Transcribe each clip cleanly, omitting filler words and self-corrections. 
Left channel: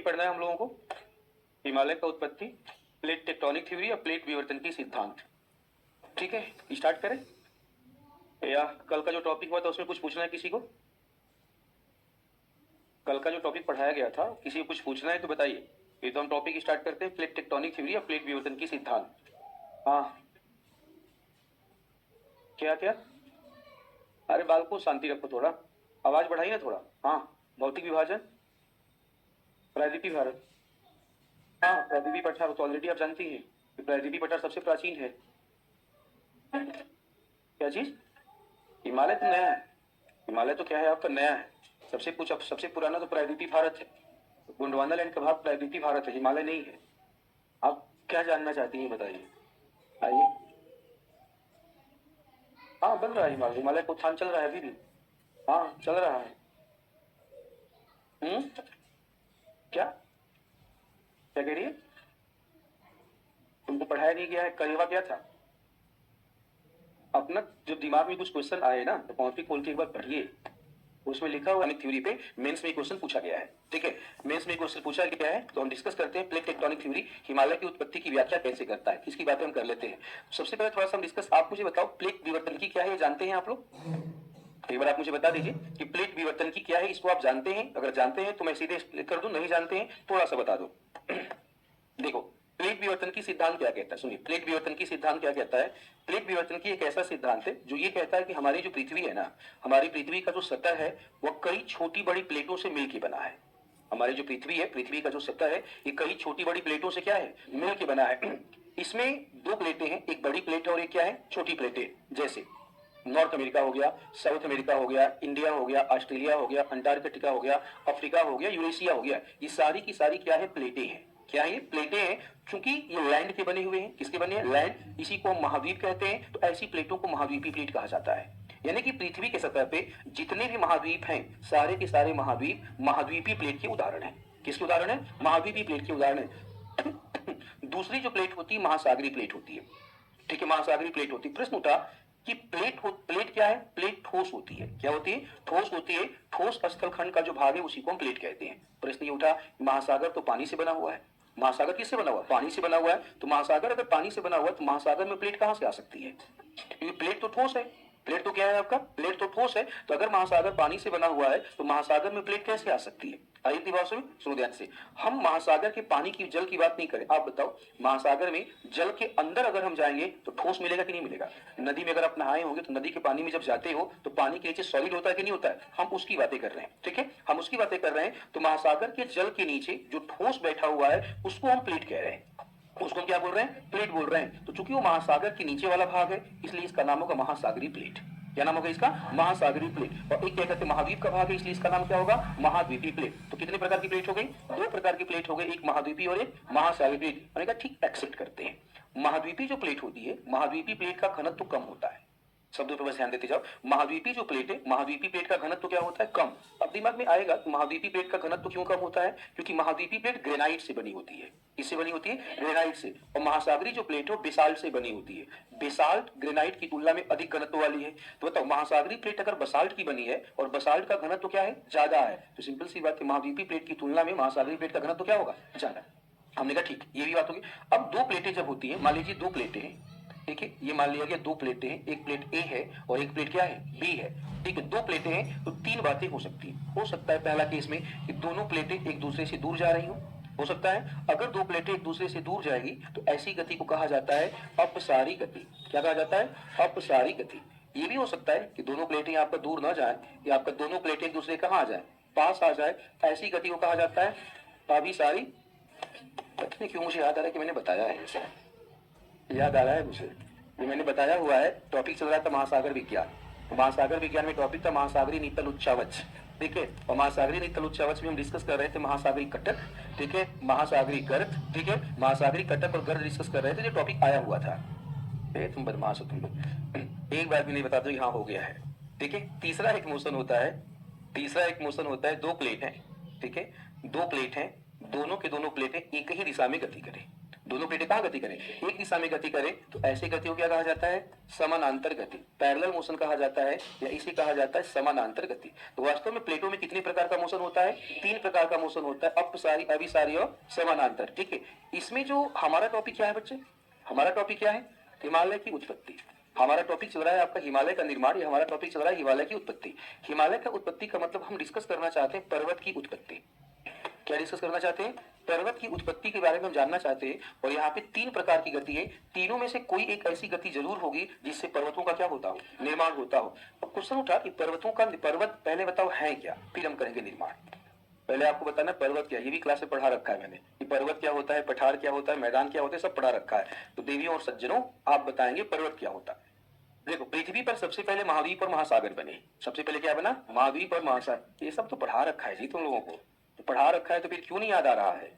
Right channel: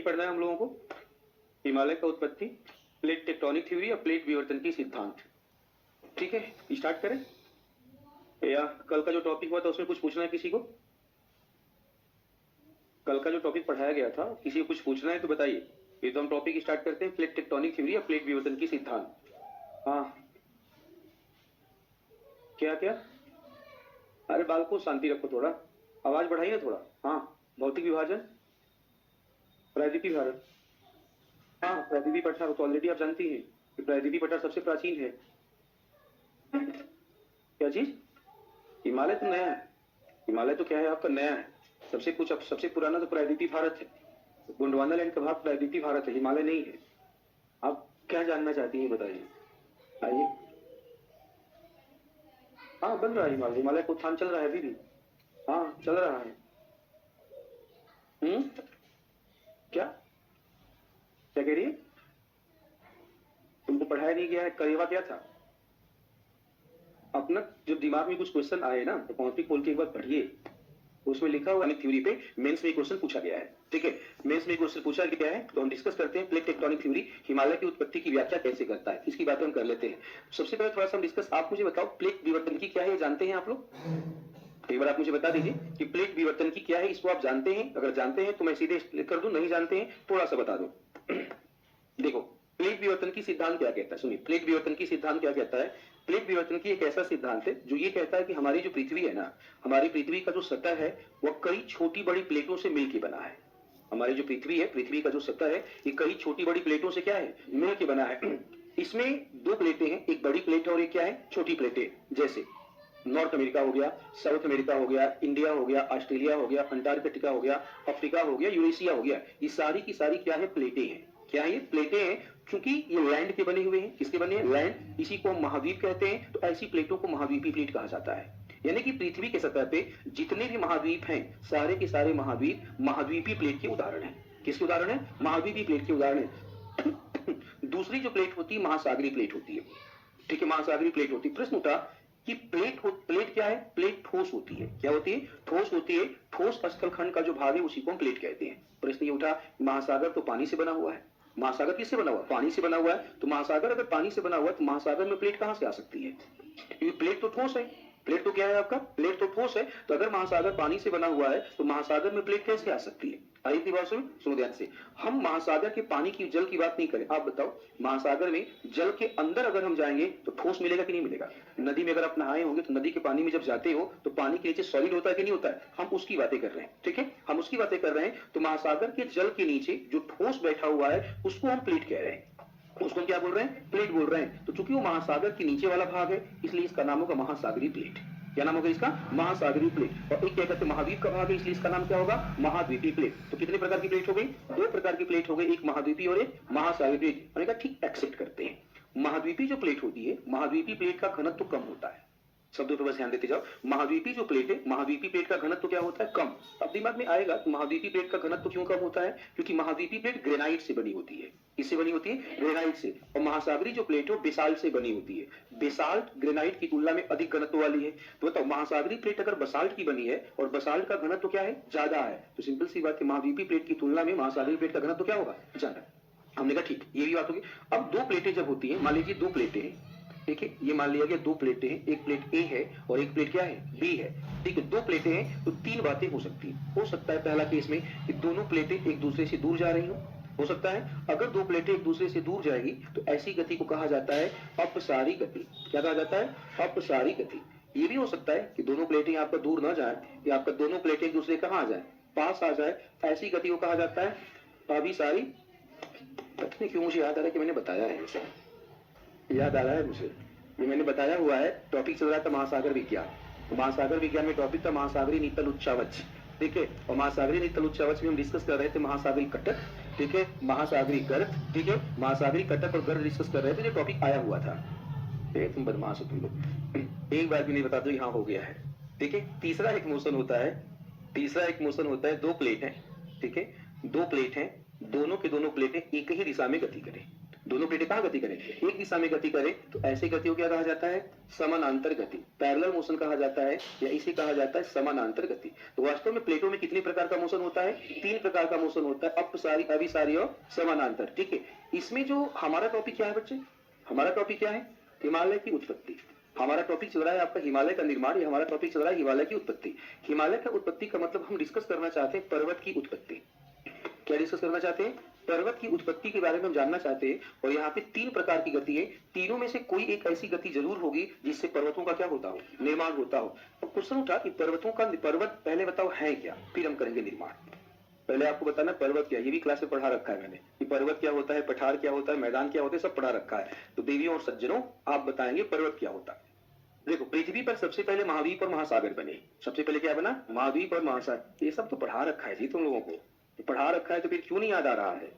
यही पढ़ना है हम लोगों को, हिमालय का उत्पत्ति, प्लेट टेक्टोनिक थ्योरी या प्लेट विवर्तन की सिद्धांत। ठीक है, स्टार्ट करें या कल का जो टॉपिक हुआ था उसमें कुछ पूछना है किसी को? कल का जो टॉपिक पढ़ाया गया था किसी को कुछ पूछना है तो बताइए। ये तो हम टॉपिक स्टार्ट करते हैं, प्लेट टेक्टोनिक थ्योरी या प्लेट विवर्तन की सिद्धांत। हाँ, क्या क्या? अरे बाल को शांति रखो, थोड़ा आवाज बढ़ाइए थोड़ा। हाँ, भौतिक विभाजन, प्रायद्वीपीय भारत। हाँ, प्रायद्वीपीय पठार तो ऑलरेडी आप जानती हैं कि प्रायद्वीपीय पठार सबसे प्राचीन है। क्या चीज? हिमालय तो नया है। हिमालय तो क्या है आपका, नया है। सबसे पुराना तो प्रायद्वीपीय भारत है। गोंडवाना लैंड का भाग प्रायद्वीपीय भारत है, हिमालय नहीं है। आप क्या जानना चाहती हैं बताइए, आइए। हाँ, बन रहा है हिमालय, हिमालय का उत्थान चल रहा है अभी भी। हाँ, चल रहा है। क्या क्या कह रही है? तुमको पढ़ाया नहीं गया है, करेवा क्या था? अपना जो दिमाग में कुछ क्वेश्चन आए ना तो कॉपी खोल के एक बार पढ़िए, उसमें लिखा हुआ थ्योरी पे मेंस में क्वेश्चन पूछा गया है। ठीक है, मेंस में क्वेश्चन पूछा गया है तो हम डिस्कस करते हैं। प्लेट टेक्टोनिक थ्योरी हिमालय की उत्पत्ति की व्याख्या कैसे करता है, इसकी बातें हम कर लेते हैं। सबसे पहले थोड़ा सा हम डिस्कस, आप मुझे बताओ प्लेट विवर्तन की क्या है, ये जानते हैं आप लोग? एक बार आप मुझे बता दीजिए कि प्लेट विवर्तन की क्या है, इसको आप जानते हैं? अगर जानते हैं तो मैं सीधे कर दूं, नहीं जानते हैं थोड़ा सा बता दो। देखो, प्लेट विवर्तन की सिद्धांत क्या कहता है, सुनिए। प्लेट विवर्तन की सिद्धांत क्या कहता है? प्लेट विवर्तन की एक ऐसा सिद्धांत है जो ये कहता है कि हमारी जो पृथ्वी है ना, हमारी पृथ्वी का जो सतह है वह कई छोटी बड़ी प्लेटों से मिलकर बना है। हमारी जो पृथ्वी है, पृथ्वी का जो सतह है, ये कई छोटी बड़ी प्लेटों से क्या है, मिलकर बना है। इसमें दो प्लेटें हैं, एक बड़ी प्लेट है और एक क्या है, छोटी प्लेटें। जैसे नॉर्थ अमेरिका हो गया, साउथ अमेरिका हो गया, इंडिया हो गया, ऑस्ट्रेलिया हो गया, अंटार्कटिका हो गया, अफ्रीका हो गया, यूरेशिया हो गया, ये सारी की सारी क्या है, प्लेटें हैं। क्या है ये? प्लेटें हैं। क्योंकि ये लैंड के बने हुए हैं। किसके बने हैं? लैंड। इसी को हम महाद्वीप कहते हैं। तो ऐसी प्लेटों को महाद्वीपीय प्लेट कहा जाता है। यानी कि पृथ्वी के सतह पे जितने भी महाद्वीप हैं, सारे के सारे महाद्वीप महाद्वीपीय प्लेट के उदाहरण हैं। किसके उदाहरण है? महाद्वीपीय प्लेट के उदाहरण है। दूसरी जो प्लेट होती है महासागरीय प्लेट होती है। ठीक है, महासागरीय प्लेट होती है। प्रश्न उठा कि प्लेट क्या है? प्लेट ठोस होती है। क्या होती है? ठोस होती है। ठोस स्थलखंड का जो भाग है उसी को हम प्लेट कहते हैं। प्रश्न ये उठा, महासागर तो पानी से बना हुआ है। महासागर किससे बना हुआ? पानी से बना हुआ है। तो महासागर अगर पानी से बना हुआ है तो महासागर में प्लेट कहां से आ सकती है? क्योंकि प्लेट तो ठोस है। प्लेट तो क्या है आपका? प्लेट तो ठोस है। तो अगर महासागर पानी से बना हुआ है तो महासागर में प्लेट कैसे आ सकती है? आई थी बात? सुनो ध्यान से। हम महासागर के पानी की, जल की बात नहीं करें। आप बताओ, महासागर में जल के अंदर अगर हम जाएंगे तो ठोस मिलेगा कि नहीं मिलेगा? नदी में अगर आप नहाए होंगे तो नदी के पानी में जब जाते हो तो पानी के नीचे सॉलिड होता है कि नहीं होता है? हम उसकी बातें कर रहे हैं। ठीक है, हम उसकी बातें कर रहे हैं। तो महासागर के जल के नीचे जो ठोस बैठा हुआ है उसको हम प्लेट कह रहे हैं। उसको क्या बोल रहे हैं? प्लेट बोल रहे हैं। तो चूंकि वो महासागर के नीचे वाला भाग है इसलिए इसका नाम होगा महासागरीय प्लेट। क्या नाम होगा इसका? महासागरीय प्लेट। और एक क्या कहते हैं, महाद्वीप का भाग है इसलिए इसका नाम क्या होगा? महाद्वीपीय प्लेट। तो कितने प्रकार की प्लेट हो गई? दो प्रकार की प्लेट हो गई, एक महाद्वीपीय और एक महासागरीय प्लेट। मैंने कहा ठीक, एक्सेप्ट करते हैं। महाद्वीपीय जो प्लेट होती है, महाद्वीपीय प्लेट का घनत्व कम होता है। शब्दों पर बस ध्यान देते जाओ। महाद्वीपीय जो प्लेट है, महाद्वीपीय प्लेट का घनत्व क्या होता है? कम। अब दिमाग में आएगा कि महाद्वीपीय प्लेट का घनत्व क्यों कम होता है? क्योंकि महाद्वीपीय प्लेट ग्रेनाइट से बनी होती है। किससे बनी होती है? ग्रेनाइट से। और महासागरीय जो प्लेट है वो बेसाल्ट से बनी होती है। बेसाल्ट ग्रेनाइट की तुलना में अधिक घनत्व वाली है। तो बताओ, महासागरीय प्लेट अगर बसाल्ट की बनी है और बसाल्ट का घनत्व क्या है? ज्यादा है, तो सिंपल सी बात है महाद्वीपीय प्लेट की तुलना में महासागरीय प्लेट का घनत्व क्या होगा? ज्यादा। हमने कहा ठीक, ये भी बात होगी। अब दो प्लेटें जब होती है, मान लीजिए दो प्लेटें हैं। ठीक है, ये मान लिया गया दो प्लेटें हैं, एक प्लेट ए है और एक प्लेट क्या है? बी है। ठीक है, दो प्लेटें हैं तो तीन बातें हो सकती हैं। हो सकता है पहला केस में कि दोनों प्लेटें एक दूसरे से दूर जा रही हो सकता है। अगर दो प्लेटें एक दूसरे से दूर जाएगी तो ऐसी गति को कहा जाता है अपसारी गति। क्या कहा जाता है? अपसारी गति। ये भी हो सकता है कि दोनों प्लेटें आपका दूर ना जाए, या आपका दोनों प्लेटें एक दूसरे कहां आ जाए? पास आ जाए। ऐसी गति को कहा जाता है अभिसारी। पता नहीं क्यों मुझे याद आ रहा है कि मैंने बताया है, याद आ रहा है मुझे, ये मैंने बताया हुआ है। टॉपिक चल रहा था महासागर विज्ञान। महासागर विज्ञान में टॉपिक था महासागरीय नीतल उच्चावच। ठीक है, और महासागरीय नीतल उच्चावच में हम डिस्कस कर रहे थे महासागरीय कटक। ठीक है, महासागरीय गर्त। ठीक है, महासागरीय कटक और गर्त डिस्कस कर रहे थे, जो टॉपिक आया हुआ था। तुम बदमाश हो तुम लोग, एक बार भी नहीं बता दो यहाँ हो गया है। ठीक है, तीसरा एक मोशन होता है। तीसरा एक मोशन होता है, दो प्लेट है। ठीक है, दो प्लेट है, दोनों के दोनों प्लेटें एक ही दिशा में गति करें। दोनों प्लेटें कहाँ गति करें, एक दिशा में गति करें, तो ऐसे गति को क्या कहा जाता है, समानांतर गति, पैरेलल मोशन कहा जाता है, या इसे कहा जाता है समानांतर गति। तो वास्तव में प्लेटों में कितने प्रकार का मोशन होता है, 3 प्रकार का मोशन होता है, अपसारी, अभिसारी और समानांतर। ठीक है, इसमें जो हमारा टॉपिक क्या है बच्चे, हमारा टॉपिक क्या है, हिमालय की उत्पत्ति। हमारा टॉपिक चल रहा है आपका हिमालय का निर्माण, ये हमारा टॉपिक चल रहा है हिमालय की उत्पत्ति। हिमालय का उत्पत्ति का मतलब हम डिस्कस करना चाहते हैं पर्वत की उत्पत्ति। क्या डिस्कस करना चाहते हैं, पर्वत की उत्पत्ति के बारे में हम जानना चाहते हैं। और यहाँ पे 3 प्रकार की गति है, तीनों में से कोई एक ऐसी गति जरूर होगी जिससे पर्वतों का क्या होता हो, निर्माण होता हो। अब क्वेश्चन उठा कि पर्वतों का, पर्वत पहले बताओ है क्या, फिर हम करेंगे निर्माण। पहले आपको बताना पर्वत क्या, ये भी क्लास में पढ़ा रखा है मैंने कि पर्वत क्या होता है, पठार क्या होता है, मैदान क्या होता है, सब पढ़ा रखा है। तो देवियों और सज्जनों, आप बताएंगे पर्वत क्या होता है। देखो, पृथ्वी पर सबसे पहले महाद्वीप और महासागर बने। सबसे पहले क्या बना, महाद्वीप और महासागर। ये सब तो पढ़ा रखा है जी तुम लोगों को, तो पढ़ा रखा है तो फिर क्यों नहीं याद आ रहा है।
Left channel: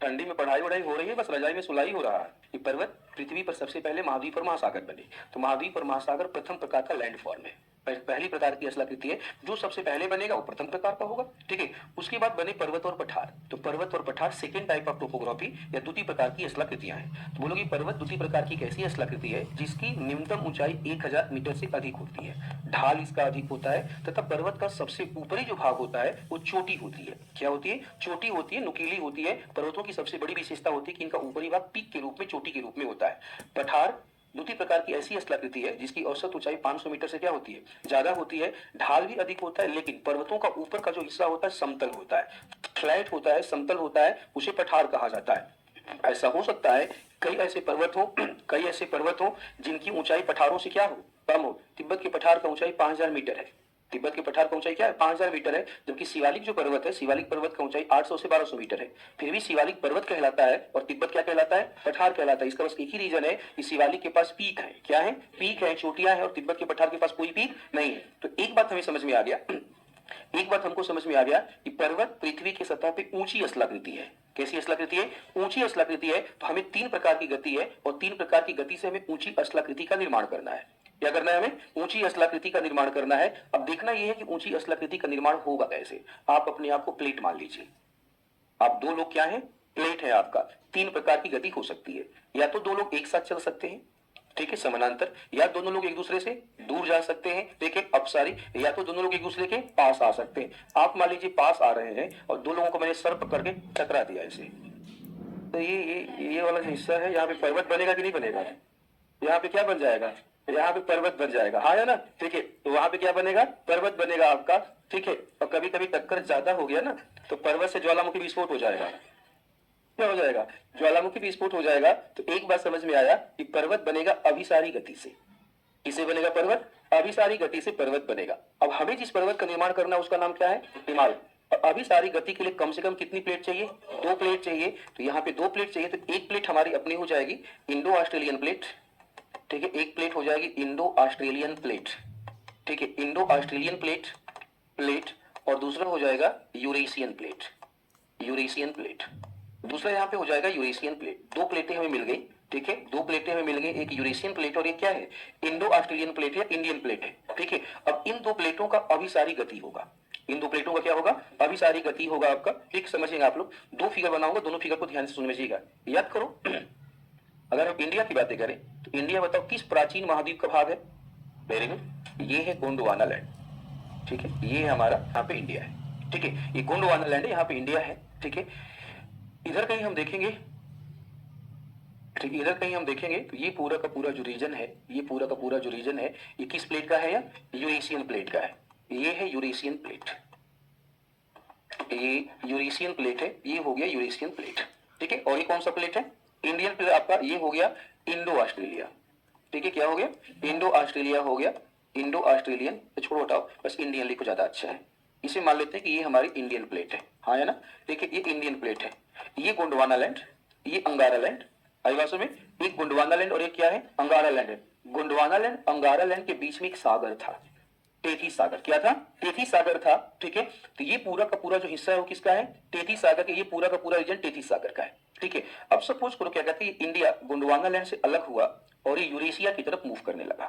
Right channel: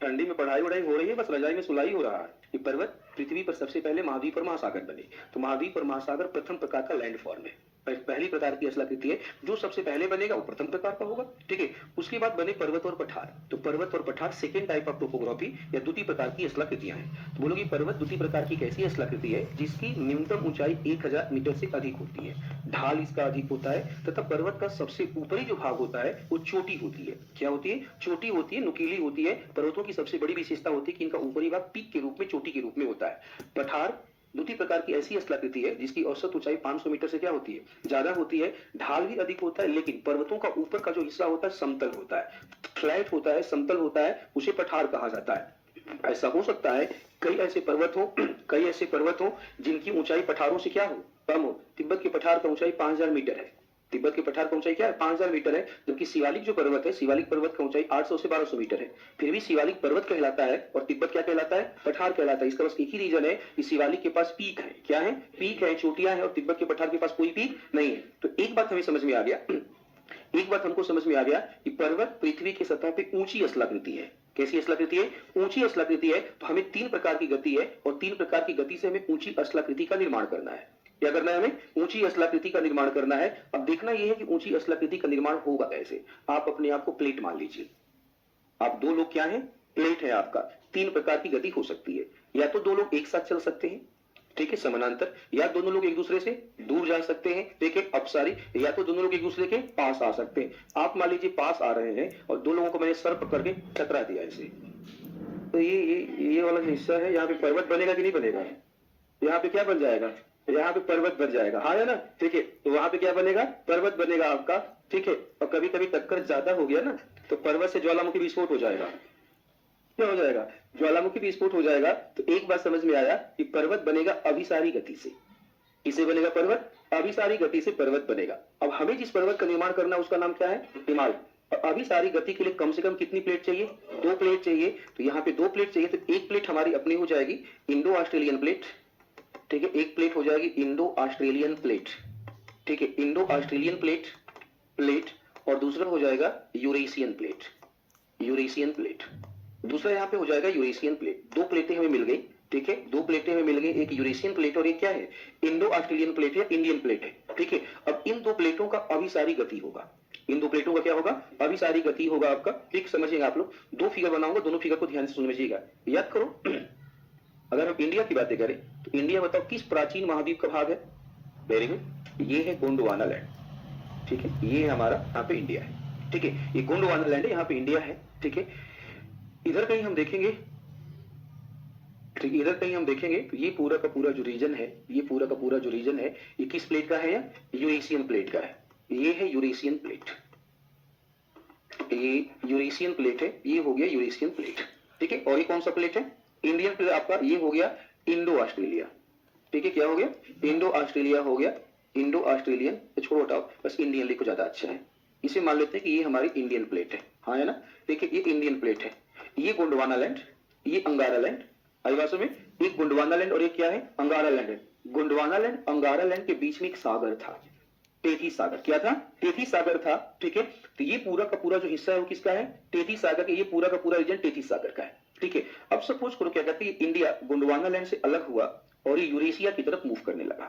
ठंडी में पढ़ाई वढ़ाई हो रही है, बस रजाई में सुलाई हो रहा है। ये पर्वत, पृथ्वी पर सबसे पहले महाद्वीप और महासागर बने। तो महाद्वीप और महासागर प्रथम प्रकार का लैंड फॉर्म है, पहली प्रकार की स्थलाकृति है। जो सबसे पहले बनेगा वो प्रथम प्रकार का होगा। ठीक है, उसके बाद बने पर्वत और पठार। तो पर्वत और पठार सेकेंड टाइप ऑफ टोपोग्राफी या द्वितीय प्रकार की स्थलाकृतियां हैं। तो बोलोगे पर्वत द्वितीय प्रकार की कैसी स्थलाकृति है, जिसकी न्यूनतम ऊंचाई 1000 मीटर से अधिक होती है, ढाल इसका अधिक होता है, तथा पर्वत का सबसे ऊपरी जो भाग होता है वो चोटी होती है। क्या होती है, चोटी होती है, नुकीली होती है। पर्वतों की सबसे बड़ी विशेषता होती है कि इनका ऊपरी भाग पीक के रूप में, चोटी के रूप में होता है। पठार द्वितीय प्रकार की ऐसी स्थलाकृति है जिसकी औसत ऊंचाई 500 मीटर से क्या होती है, ज्यादा होती है, ढाल भी अधिक होता है, लेकिन पर्वतों का ऊपर का जो हिस्सा होता है समतल होता है, फ्लैट होता है, समतल होता है, उसे पठार कहा जाता है। ऐसा हो सकता है कई ऐसे पर्वत हो जिनकी ऊंचाई पठारों से क्या हो, कम हो। तिब्बत के पठार का ऊंचाई 5000 मीटर है। तिब्बत के पठार का ऊंचाई क्या है, 5000 मीटर है। जबकि शिवालिक जो पर्वत है, शिवालिक पर्वत का ऊंचाई 800 से 1200 मीटर है। फिर भी शिवालिक पर्वत कहलाता है और तिब्बत क्या कहलाता है, पठार कहलाता है। इसका बस एक ही रीजन है कि शिवालिक के पास पीक है। क्या है, पीक है, चोटियां है, और तिब्बत के पठार के पास कोई पीक नहीं है। तो एक बात हमें समझ में आ गया, एक बात हमको समझ में आ गया कि पर्वत पृथ्वी की सतह पे ऊंची स्थलाकृति है। कैसी स्थलाकृति है, ऊंची स्थलाकृति है। तो हमें 3 प्रकार की गति है और 3 प्रकार की गति से हमें ऊंची स्थलाकृति का निर्माण करना है। क्या करना है, हमें ऊंची स्थलाकृति का निर्माण करना है। अब देखना यह है कि ऊंची स्थलाकृति का निर्माण होगा कैसे। आप अपने आप को प्लेट मान लीजिए, आप 2 लोग क्या है, प्लेट है आपका। 3 प्रकार की गति हो सकती है, या तो 2 लोग एक साथ चल सकते हैं, ठीक है, समानांतर, या दोनों लोग एक दूसरे से दूर जा सकते हैं, देखिए अपसारी, या तो दोनों लोग एक दूसरे के पास आ सकते हैं। आप मान लीजिए पास आ रहे हैं और 2 लोगों को मैंने सर पकड़ के टकरा दिया ऐसे, तो ये वाला जो हिस्सा है, यहाँ पे पर्वत बनेगा कि नहीं बनेगा, यहाँ पे क्या बन जाएगा, यहाँ पे पर्वत बन जाएगा, हाँ है ना। ठीक है, तो वहां पे क्या बनेगा, पर्वत बनेगा आपका। ठीक है, और कभी कभी टक्कर ज्यादा हो गया ना तो पर्वत से ज्वालामुखी विस्फोट हो जाएगा। क्या हो जाएगा, ज्वालामुखी विस्फोट हो जाएगा। तो एक बात समझ में आया कि पर्वत बनेगा अभिसारी गति से। किसे बनेगा पर्वत, अभिसारी गति से पर्वत बनेगा। अब हमें जिस पर्वत का निर्माण करना है उसका नाम क्या है, हिमालय। और अभिसारी गति के लिए कम से कम कितनी प्लेट चाहिए, 2 प्लेट चाहिए। तो यहाँ पे 2 प्लेट चाहिए, तो एक प्लेट हमारी अपनी हो जाएगी इंडो ऑस्ट्रेलियन प्लेट। ठीक है, एक प्लेट हो जाएगी इंडो ऑस्ट्रेलियन प्लेट। ठीक है, इंडो ऑस्ट्रेलियन प्लेट और दूसरा हो जाएगा यूरेशियन प्लेट, यूरेशियन प्लेट। दूसरा यहाँ पे हो जाएगा यूरेशियन प्लेट। 2 प्लेटें हमें मिल गई। ठीक है, 2 प्लेटें हमें मिल गई, एक यूरेशियन प्लेट और एक क्या है, इंडो ऑस्ट्रेलियन प्लेट या इंडियन प्लेट है। ठीक है, अब इन 2 प्लेटों का अभिसारी गति होगा, इन 2 प्लेटों का क्या होगा, अभिसारी गति होगा आपका। ठीक, समझिएगा आप लोग। 2 फिगर बनाऊंगा, दोनों फिगर को ध्यान से समझिएगा, याद करो। अगर हम इंडिया की बातें करें तो इंडिया बताओ किस प्राचीन महाद्वीप का भाग है, वेरी गुड, ये है गोंडवाना लैंड। ठीक है, ये हमारा यहाँ पे इंडिया है। ठीक है, ये गोंडवाना लैंड है, यहाँ पे इंडिया है। ठीक है, इधर कहीं हम देखेंगे, ठीक, इधर कहीं हम देखेंगे तो ये पूरा का पूरा जो रीजन है, ये पूरा का पूरा जो रीजन है, ये किस प्लेट का है, या यूरेशियन प्लेट का है। ये है यूरेशियन प्लेट, ये यूरेशियन प्लेट है, ये हो गया यूरेशियन प्लेट। ठीक है, और ये कौन सा प्लेट है, इंडियन प्लेट आपका, ये हो गया इंडो ऑस्ट्रेलिया। ठीक है, क्या हो गया, इंडो ऑस्ट्रेलिया हो गया, इंडो ऑस्ट्रेलियन। तो छोड़ो हटाओ, बस इंडियन लिखो, ज्यादा अच्छा है। इसे मान लेते हैं कि ये हमारी इंडियन प्लेट है, हाँ है ना। देखिए ये इंडियन प्लेट है, ये गोंडवाना लैंड, ये अंगारा लैंड। आई बात में, एक गोंडवाना लैंड और एक क्या है, अंगारा लैंड है। गोंडवाना लैंड अंगारा लैंड के बीच में एक सागर था, टेथी सागर। क्या था, टेथी सागर था। ठीक है, तो ये पूरा का पूरा जो हिस्सा है वो किसका है, टेथी सागर के, ये पूरा का पूरा रीजन टेथी सागर का है। ठीक है, अब सपोज करो क्या कहते हैं, इंडिया गोंडवाना लैंड से अलग हुआ और ये यूरेशिया की तरफ मूव करने लगा।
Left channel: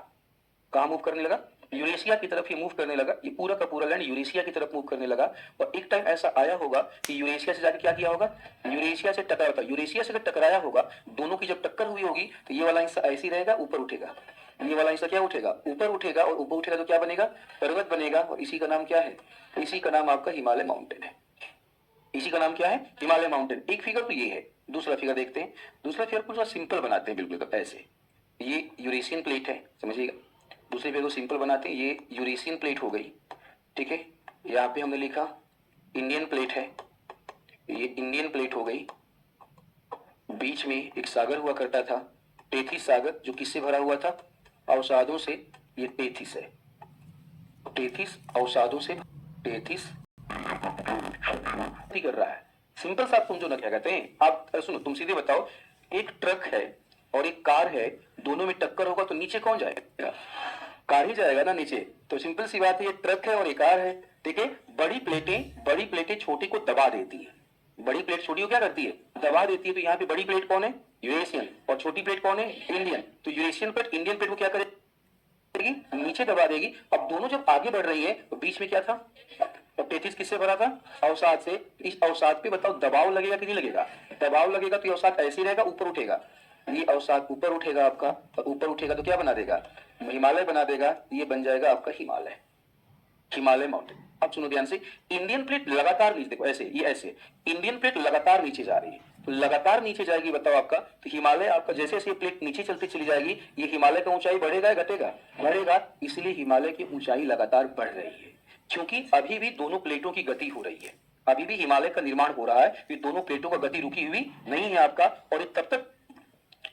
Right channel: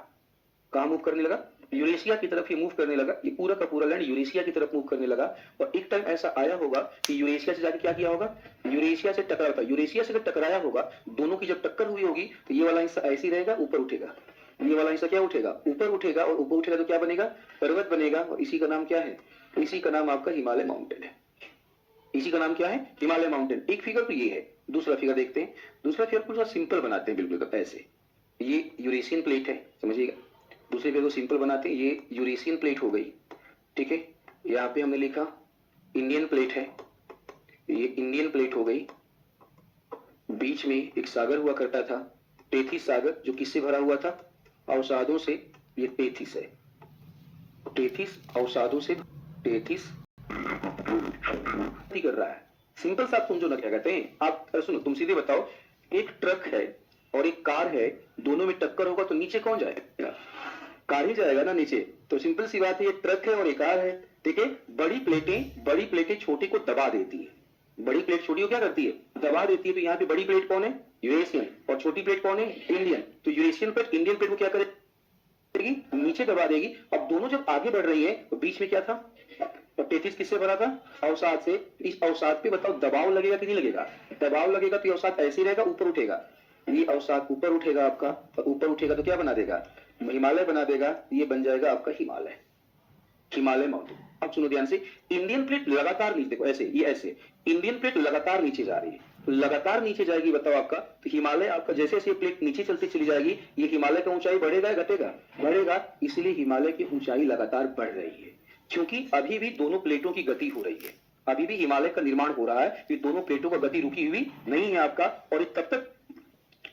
कहां मूव करने लगा, यूरेशिया की तरफ ये मूव करने लगा, ये पूरा का पूरा लैंड यूरेशिया की तरफ मूव करने लगा। और एक टाइम ऐसा आया होगा कि यूरेशिया से जाके क्या किया होगा, यूरेशिया से टकराया था, यूरेशिया से अगर टकराया होगा, दोनों की जब टक्कर हुई होगी तो ये वाला हिस्सा ऐसे ही रहेगा, ऊपर उठेगा, ये वाला हिस्सा क्या उठेगा, ऊपर उठेगा, और ऊपर उठेगा तो क्या बनेगा, पर्वत बनेगा, और इसी का नाम क्या है, इसी का नाम आपका हिमालय माउंटेन है। इसी का नाम क्या है, हिमालय माउंटेन। एक फिगर तो ये है, दूसरा फिगर देखते हैं। दूसरा फिगर पूरा सिंपल बनाते हैं, बिल्कुल ऐसे, ये यूरेशियन प्लेट है, समझिएगा। दूसरे फिगर को सिंपल बनाते हैं, ये यूरेशियन प्लेट हो गई, ठीक है। यहाँ पे हमने लिखा इंडियन प्लेट है, ये इंडियन प्लेट हो गई। बीच में एक सागर हुआ करता था, टेथिस सागर, जो किससे भरा हुआ था, अवसादों से। ये टेथिस है, टेथिस अवसादों से, टेथिस कर रहा है। सिंपल सा समझो ना, क्या कहते हैं आप, सुनो तुम सीधे बताओ, एक ट्रक है और एक कार है, दोनों में टक्कर होगा तो नीचे कौन जाएगा, कार ही जाएगा ना नीचे। तो सिंपल सी बात है, ये ट्रक है और एक कार है, ठीक है। बड़ी प्लेटें छोटी को दबा देती है, बड़ी प्लेट छोटी को क्या करती है, दबा देती है। तो यहाँ पे बड़ी प्लेट कौन है, यूरेशियन, और छोटी प्लेट कौन है, इंडियन। तो यूरेशियन प्लेट इंडियन प्लेट को क्या करेगी, नीचे दबा देगी। अब दोनों जब आगे बढ़ रही है तो बीच में क्या था, और 33 किससे भरा था, अवसाद से। इस अवसाद पे बताओ दबाव लगेगा कि नहीं लगेगा, दबाव लगेगा तो ये अवसाद ऐसे ही रहेगा, ऊपर उठेगा, ये अवसाद ऊपर उठेगा आपका, और ऊपर उठेगा तो क्या बना देगा, हिमालय बना देगा। ये बन जाएगा आपका हिमालय, हिमालय माउंटेन। अब सुनो ध्यान से, इंडियन प्लेट लगातार नीचे, देखो ऐसे, ये ऐसे, इंडियन प्लेट लगातार नीचे जा रही है, तो लगातार नीचे जाएगी, बताओ आपका, तो हिमालय आपका जैसे जैसे प्लेट नीचे चलती चली जाएगी, ये हिमालय का ऊंचाई बढ़ेगा या घटेगा, बढ़ेगा। इसलिए हिमालय की ऊंचाई लगातार बढ़ रही है, क्योंकि अभी भी दोनों प्लेटों की गति हो रही है, अभी भी हिमालय का निर्माण हो रहा है, ये दोनों प्लेटों का गति रुकी हुई नहीं है आपका। और ये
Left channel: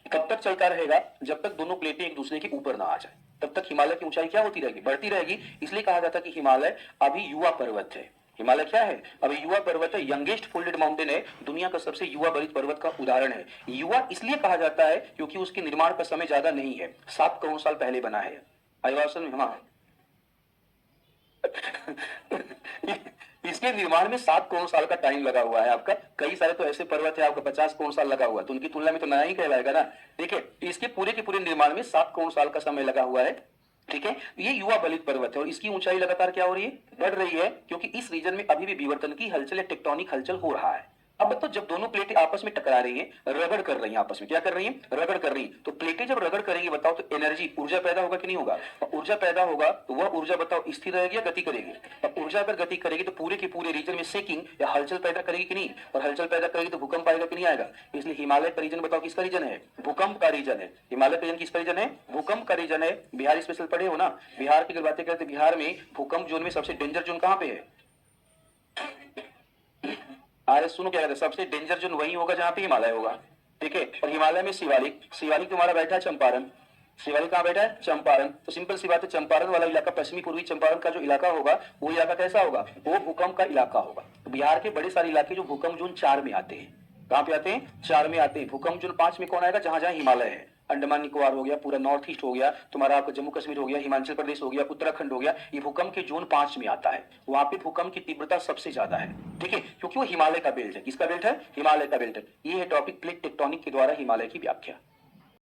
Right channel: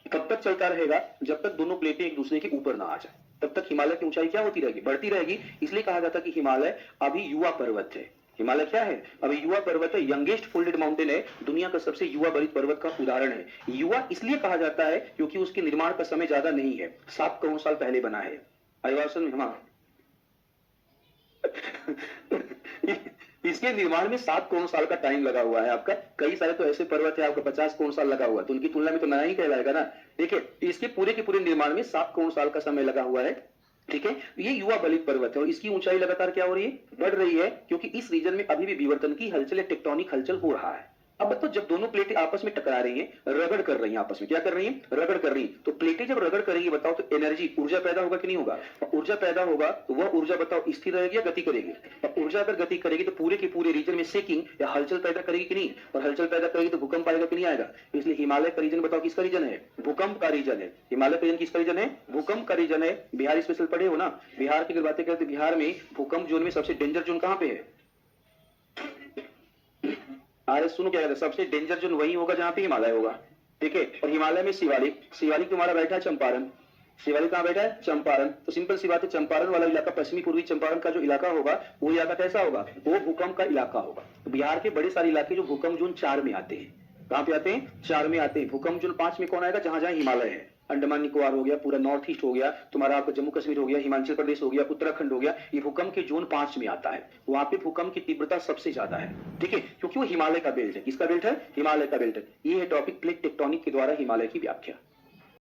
कब तक चलता रहेगा, जब तक दोनों प्लेटें एक दूसरे के ऊपर ना आ जाए, तब तक हिमालय की ऊंचाई क्या होती रहेगी, बढ़ती रहेगी। इसलिए कहा जाता है कि हिमालय अभी युवा पर्वत है। हिमालय क्या है, अभी युवा पर्वत है, यंगेस्ट फोल्डेड माउंटेन है, दुनिया का सबसे युवा बलित पर्वत का उदाहरण है। युवा इसलिए कहा जाता है क्योंकि उसके निर्माण का समय ज्यादा नहीं है, 7 करोड़ साल पहले बना है। आईवासन हाँ इसके निर्माण में 7 करोड़ साल का टाइम लगा हुआ है आपका। कई सारे तो ऐसे पर्वत है आपका 50 करोड़ साल लगा हुआ है, तो उनकी तुलना में तो नया ही कहलाएगा ना। देखिए, इसके पूरे के पूरे निर्माण में 7 करोड़ साल का समय लगा हुआ है, ठीक है। ये युवा बलित पर्वत है और इसकी ऊंचाई लगातार क्या हो रही है, बढ़ रही है, क्योंकि इस रीजन में अभी भी विवर्तन की हलचल या टेक्टोनिक हलचल हो रहा है। अब तो जब दोनों प्लेटें आपस में टकरा रही हैं, रगड़ कर रही हैं, आपस में क्या कर रही हैं, रगड़ कर रही हैं, तो प्लेटें जब रगड़ करेंगी बताओ तो एनर्जी, ऊर्जा पैदा होगा कि नहीं होगा, और ऊर्जा पैदा होगा तो वह ऊर्जा बताओ स्थिर रहेगी या गति करेगी, और ऊर्जा अगर गति करेगी तो पूरे के पूरे रीजन में शेकिंग या हलचल पैदा करेगी कि नहीं, और हलचल पैदा करेगी तो भूकंप आएगा कि नहीं आएगा। इसलिए हिमालय का रीजन बताओ किसका रीजन है, भूकंप का रीजन है। हिमालय का रीजन किसका रीजन है, भूकंप का रीजन है। बिहार स्पेशल पढ़े हो ना, बिहार की अगर बातें करते, बिहार में भूकंप जोन में सबसे डेंजर जोन कहां पे है, अरे सुनो क्या कहते हैं, सबसे डेंजर जोन वही होगा जहां पे हिमालय होगा, ठीक है। और हिमालय में शिवालिक, शिवालिक तुम्हारा बैठा है चंपारण, शिवालिक कहां बैठा है, चंपारण। तो सिंपल सी बात है, चंपारण वाला इलाका, पश्चिमी पूर्वी चंपारण का जो इलाका होगा, वो इलाका कैसा होगा, वो भूकंप का इलाका होगा। तो बिहार के बड़े सारे इलाके जो भूकंप जोन 4 में आते हैं, कहां पे आते हैं, 4 में आते हैं। भूकंप जोन 5 में कौन आएगा, जहां जहां हिमालय है, अंडमान निकोबार हो गया, पूरा नॉर्थ ईस्ट हो गया, तुम्हारा आपका जम्मू कश्मीर हो गया, हिमाचल प्रदेश हो गया, उत्तराखंड हो गया, ये भूकंप के जोन 5 में आता है। वहां पे भूकंप की तीव्रता सबसे ज्यादा है, ठीक है, क्योंकि वो हिमालय का बेल्ट है। किसका बेल्ट है, हिमालय का बेल्ट है। ये है टॉपिक, प्लेट टेक्टोनिक के द्वारा हिमालय की व्याख्या।